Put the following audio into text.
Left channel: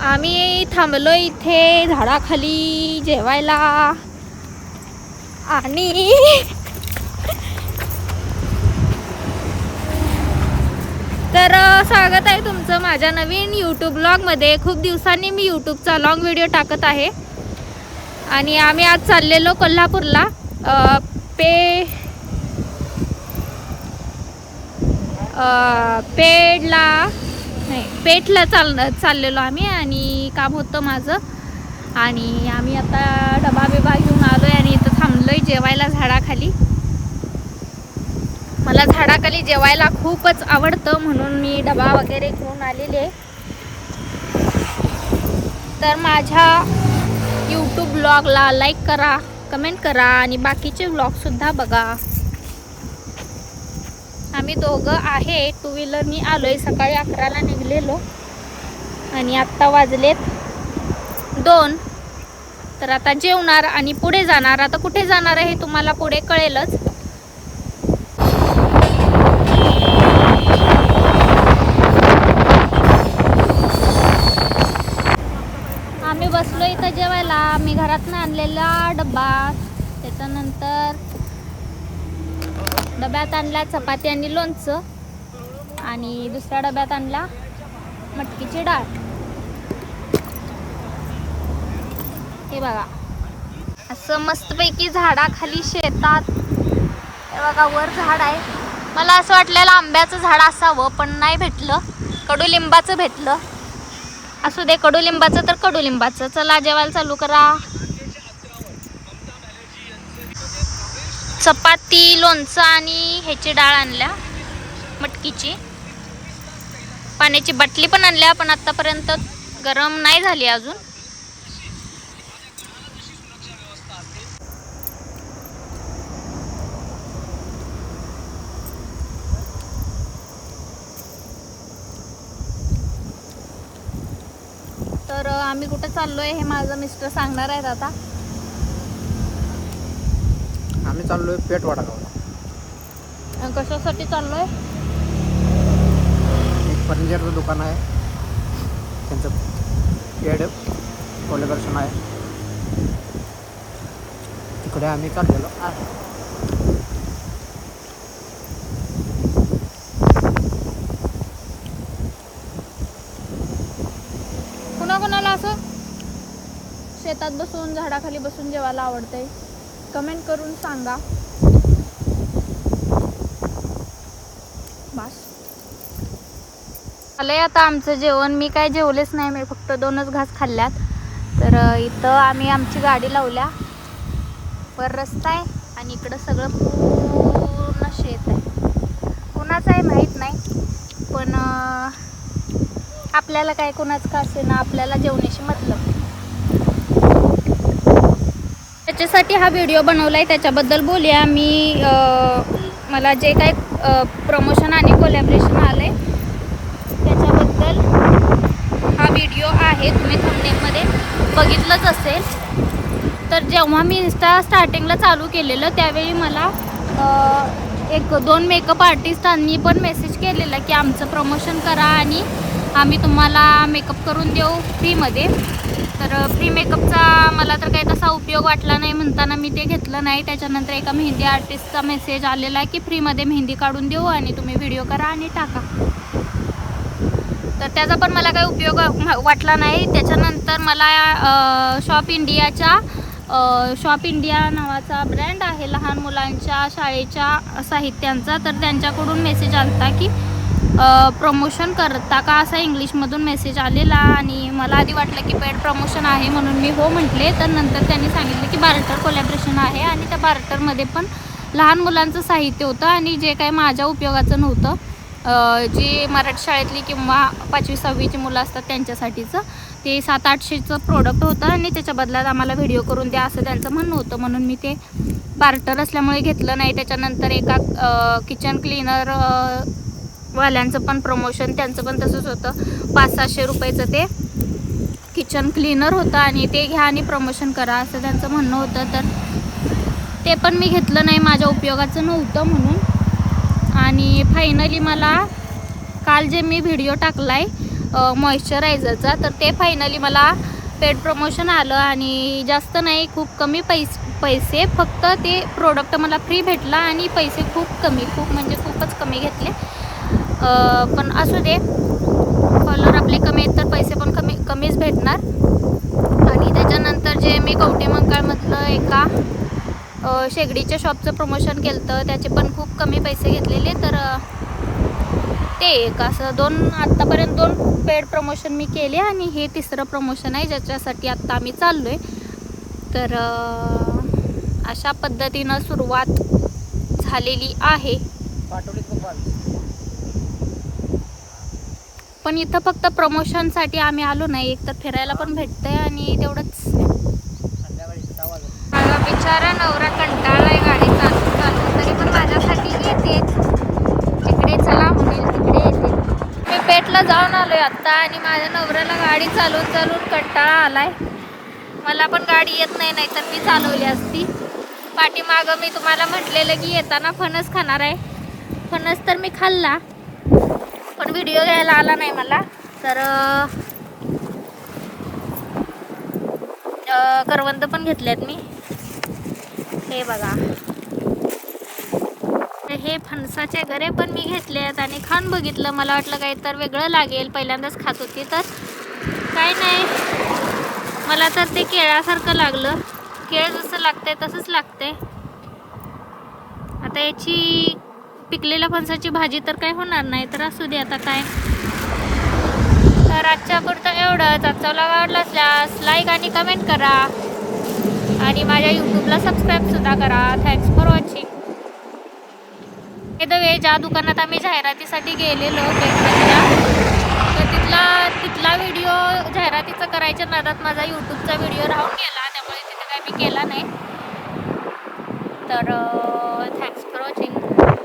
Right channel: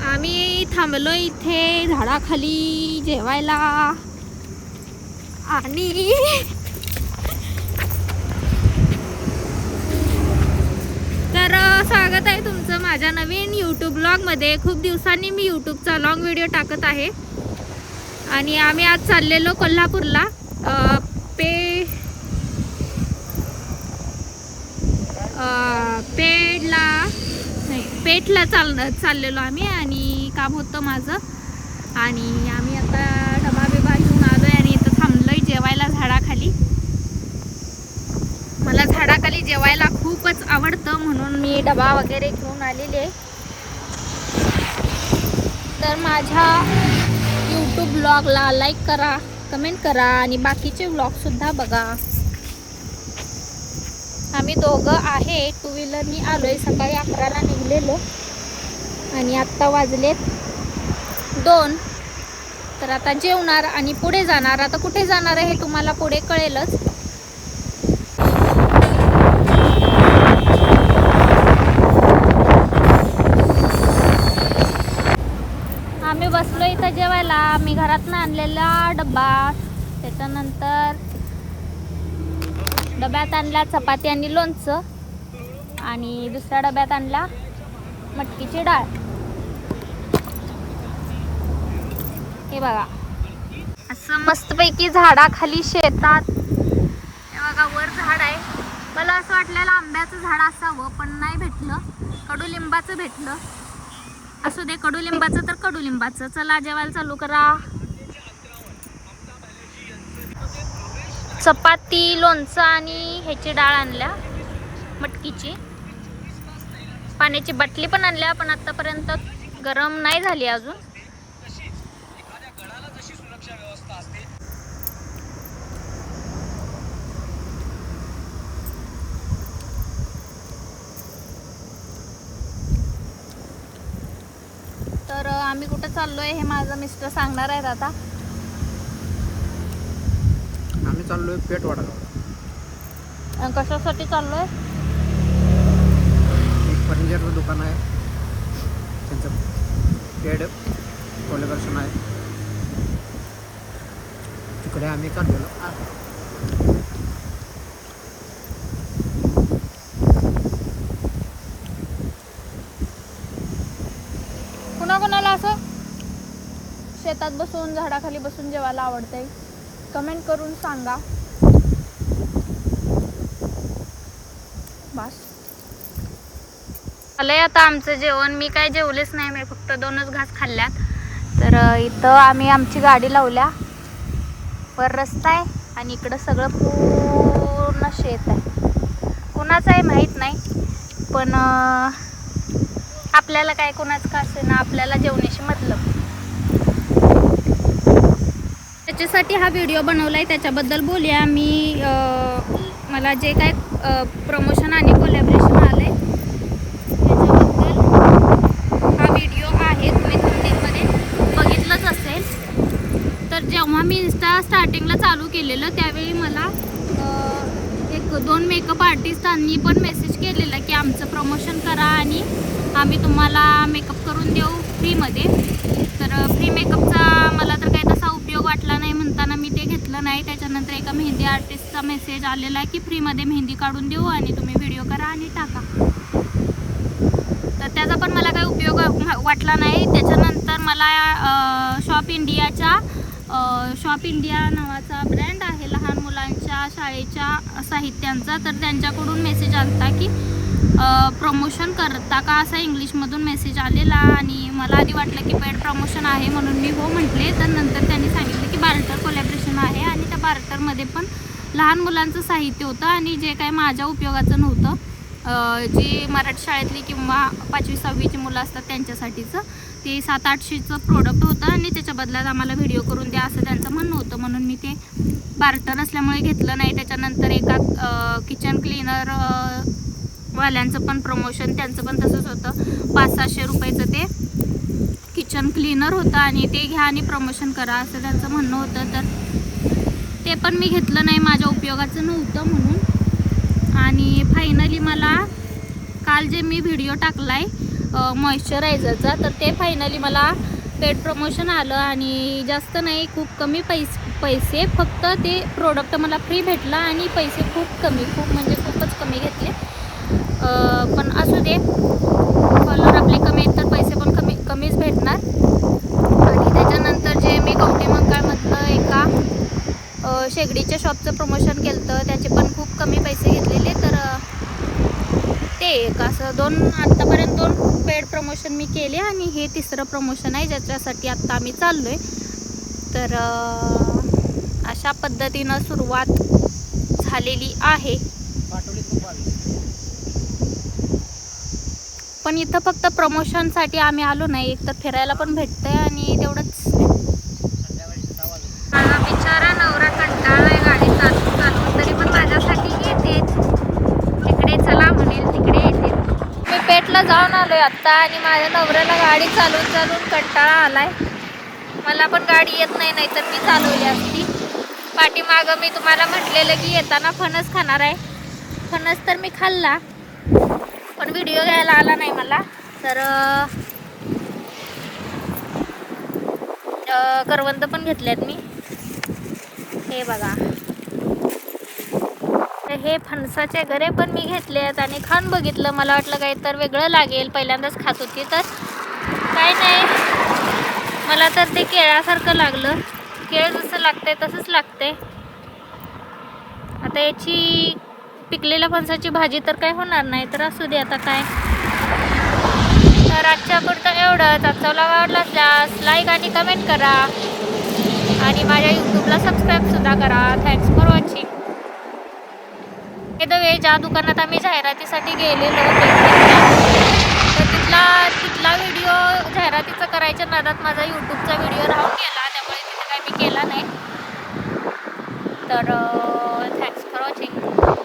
आम्ही थांबलो इथे झाडाखाली जेवायला आणि तर स्वागत आहे तुमचं माझ्या नवीन यूट्यूब ब्लॉगमध्ये। खूप दिवसांनी मी यूट्यूबचा लॉंग व्हिडिओ टाकत आहे आणि आम्ही आज चाललेलो कोल्हापूरला पेठला चाललेलो आम्ही आणि काम होतं माझं आणि आम्ही आता डबा बिबा घेऊन आलोय आणि इथं थांबलोय जेवायला झाडाखाली। मला झाडाखाली जेवायला खूपच आवडतं म्हणून मी डबा वगैरे घेऊन आलेले। तर माझ्या यूट्यूब ब्लॉगला लाईक करा, कमेंट करा आणि बाकीचे ब्लॉगसुद्धा बघा। आम्ही दोघं आहे, टू व्हीलरनी आलोय। सकाळी 11ला निघलेलो आणि आत्ता वाजलेत 2। तर आता जेवणार आणि पुढे जाणार। आता कुठे जाणार आहे हे तुम्हाला पुढे कळेलच। आम्ही बसलो इथं जेवायला। मी घरातनं आणलेला डब्बा, त्याच्यानंतर डब्यात आणला चपाती आणि लोणचं आणि दुसऱ्या डब्यात आणला मटकीची डाळ। हे बघा असं मस्तपैकी झाडाखाली शेतात। हे बघा वर झाड आहे। मला असं वाटलेलं आंब्याचं झाड असावं पण नाही भेटलं, कडुलिंबाचं भेटलं। असू दे, कडुलिंबाचं तर कडुलिंबाचं। चला जेवायला चालू करा। चपाती, लोणचं आणि ह्याची डाळ आणल्या मटकीची। पाण्याची बाटली पण आणल्या पण आतापर्यंत गरम नाही झाली अजून। तर आम्ही कुठे चाललोय हे माझं मिस्टर सांगणार आहेत आता। आम्ही चाललोय पेठवाडाला। कशासाठी चाललोय? फर्निचरचं दुकान आहे, त्यांचं पेड कोलेक्शन आहे, तिकडे आम्ही चाललेलो आहे। कोणाकोणाला असं शेतात बसून झाडाखाली बसून जेवायला आवडतंय कमेंट करून सांगा। बस आलंय आता आमचं जेवण। मी काय जेवलेच नाही, मी फक्त 2च घास खाल्ल्यात। तर इथं आम्ही आमची गाडी लावल्या, वर रस्ता आहे आणि इकडं सगळं पूर्ण शेत आहे। कुणाचं आहे माहीत नाही पण आपल्याला काय, कुणाचं का असेना, आपल्याला जेवण्याशी मतलब। त्याच्यासाठी हा व्हिडिओ बनवलाय, त्याच्याबद्दल बोलूया। मला जे काय प्रमोशन आणि कोलॅबरेशन आलंय त्याच्याबद्दल हा व्हिडिओ आहे। तुम्ही थंबनेलमध्ये बघितलंच असेल। तर जेव्हा मी इंस्टा स्टार्टिंगला चालू केलेलं त्यावेळी मला 1-2 मेकअप आर्टिस्टांनी पण मेसेज केलेला की आमचं प्रमोशन करा आणि आम्ही तुम्हाला मेकअप करून देऊ फ्रीमध्ये। तर फ्री मेकअपचा मला तर काही तसा उपयोग वाटला नाही, म्हणताना मी ते घेतलं नाही। त्याच्यानंतर एका मेहंदी आर्टिस्टचा मेसेज आलेला आहे की फ्रीमध्ये मेहंदी काढून देऊ आणि तुम्ही व्हिडिओ करा आणि टाका। तर त्याचा पण मला काही उपयोग वाटला नाही। त्याच्यानंतर मला शॉप इंडिया नावाचा ब्रँड आहे लहान मुलांच्या शाळेच्या साहित्यांचा। तर त्यांच्याकडून मेसेज आलता की प्रमोशन करता का, असा इंग्लिशमधून मेसेज आलेला आणि मला आधी वाटलं की पेड प्रमोशन आहे म्हणून मी हो म्हटले। तर नंतर त्यांनी सांगितलं की बार्टर कोलॅबरेशन आहे आणि त्या बार्टरमध्ये पण लहान मुलांचं साहित्य होतं आणि जे काय माझ्या उपयोगाचं नव्हतं, जी मराठी शाळेतली किंवा 5वी-6वीची मुलं असतात त्यांच्यासाठीचं ते 700-800चं प्रोडक्ट होतं आणि त्याच्या बदल्यात आम्हाला व्हिडिओ करून द्या असं त्यांचं म्हणणं होतं, म्हणून मी ते बार्टर असल्यामुळे घेतलं नाही। त्याच्यानंतर एका किचन क्लीनर वाल्यांचं पण प्रमोशन, त्यांचं पण तसंच होतं। 500-600 रुपयाचं ते किचन क्लीनर होतं आणि ते घ्या आणि प्रमोशन करा असं त्यांचं म्हणणं होतं। तर ते पण मी घेतलं नाही, माझ्या उपयोगाचं नव्हतं म्हणून। आणि फायनली मला काल जे मी व्हिडिओ टाकलाय मॉइश्चरायझरचा, तर ते फायनली मला पेड प्रमोशन आलं आणि जास्त नाही, खूप कमी पैसे फक्त ते प्रोडक्ट मला फ्री भेटला आणि पैसे खूप कमी, खूप म्हणजे खूपच कमी घेतले. पण असू दे, फॉलोअर आपले कमी आहेत तर पैसे पण कमीच भेटणार. आणि त्याच्यानंतर जे मी कवठेमंकाळमधलं एका शेगडीच्या शॉपचं प्रमोशन केलं होतं, त्याचे पण खूप कमी पैसे घेतलेले. तर ते एक असं आत्तापर्यंत 2 पेड प्रमोशन मी केले आणि हे तिसरं प्रमोशन आहे ज्याच्यासाठी आत्ता आम्ही चाललो आहे. तर अशा पद्धतीनं सुरुवात झालेली आहे. पण इथं फक्त प्रमोशनसाठी आम्ही आलो नाही, एक तर फिरायला पण भेटतंय आणि तेवढंच. माझा बिचारा नवरा कंटाळलाय गाडी चालवून, तरी पण माझ्यासाठी येते. तिकडे चला म्हणेल तिकडे येते. मी पेठला जाऊन आलोय आत्ता आणि माझ्या नवऱ्याला गाडी चालवून कंटाळा आलाय. मला पण गाडी येत नाही, नाहीतर मी चालवली असती. पाठीमागं मी तुम्हाला म्हटलेलं की येताना फणस खाणार आहे. फणस तर मी खाल्ला, पण व्हिडिओ घ्यायला आला नाही मला. तर करवंद पण घेतल्यात मी, हे बघा. हे फणसाचे गरे पण मी घेतलेत आणि खाऊन बघितलं. मला वाटलं काही तर वेगळं लागेल, पहिल्यांदाच खात होती तर काय नाही, मला तर ते केळासारखं लागलं. केळ जसं लागतंय तसंच लागतंय. आता याची पिकलेल्या फणसाची भाजी तर काय होणार नाही, तर असू दे आता काय. तर आजच्या पुरतं एवढंच. आजचा व्लॉग आवडला असल्यास लाईक आणि कमेंट करा आणि माझ्या यूट्यूबला सबस्क्राईबसुद्धा करा. Thanks for watching. The way ज्या दुकानात आम्ही जाहिरातीसाठी गेलेलो पेठमधल्या, तर तिथला व्हिडिओ जाहिरातीचा करायच्या नादात माझा यूट्यूबचा व्हिडिओ राहून गेला, त्यामुळे तिथे काय मी केला नाही. तर थँक्स फॉर वॉचिंग.